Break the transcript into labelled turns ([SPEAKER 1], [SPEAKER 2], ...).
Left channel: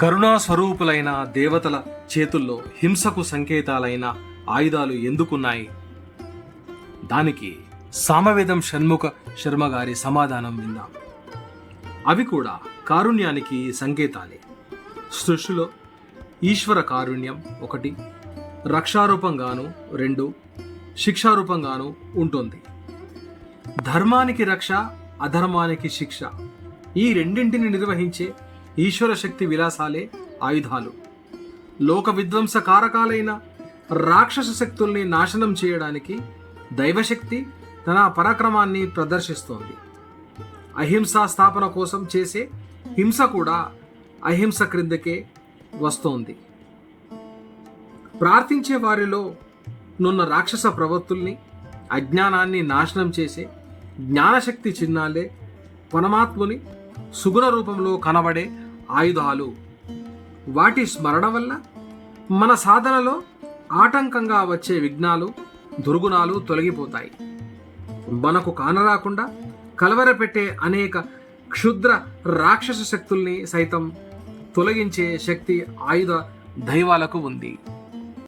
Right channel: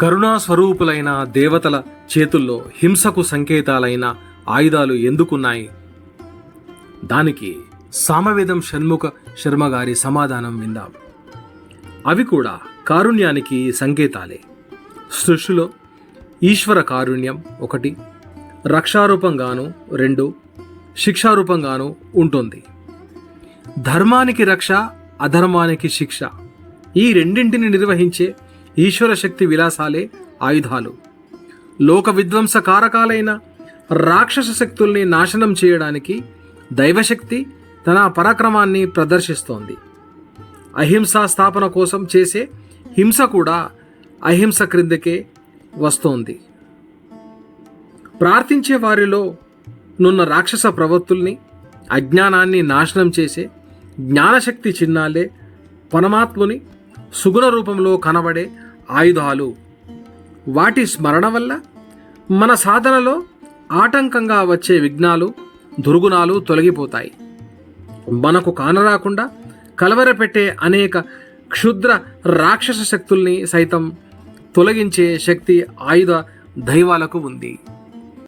[SPEAKER 1] కరుణా స్వరూపులైన దేవతల చేతుల్లో హింసకు సంకేతాలైన ఆయుధాలు ఎందుకున్నాయి? దానికి సామవేదం షణ్ముఖ శర్మ గారి సమాధానం విందాం. అవి కూడా కారుణ్యానికి సంకేతాలే. సృష్టిలో ఈశ్వర కారుణ్యం ఒకటి రక్షారూపంగాను రెండు శిక్షారూపంగాను ఉంటుంది. ధర్మానికి రక్ష అధర్మానికి శిక్ష ఈ రెండింటిని నిర్వహించే ఈశ్వర శక్తి విలాసాలే ఆయుధాలు. లోక విధ్వంస కారకాలైన రాక్షస శక్తుల్ని నాశనం చేయడానికి దైవశక్తి తన పరాక్రమాన్ని ప్రదర్శిస్తోంది. అహింసా స్థాపన కోసం చేసే హింస కూడా అహింస క్రిందకే వస్తోంది. ప్రార్థించే వారిలో నున్న రాక్షస ప్రవృత్తుల్ని అజ్ఞానాన్ని నాశనం చేసే జ్ఞానశక్తి చిహ్నాలే పరమాత్ముని సుగుణ రూపంలో కనబడే ఆయుధాలు. వాటి స్మరణ వల్ల మన సాధనలో ఆటంకంగా వచ్చే విఘ్నాలు దుర్గుణాలు తొలగిపోతాయి. మనకు కానరాకుండా కలవరపెట్టే అనేక క్షుద్ర రాక్షస శక్తుల్ని సైతం తొలగించే శక్తి ఆయుధ దైవాలకు ఉంది.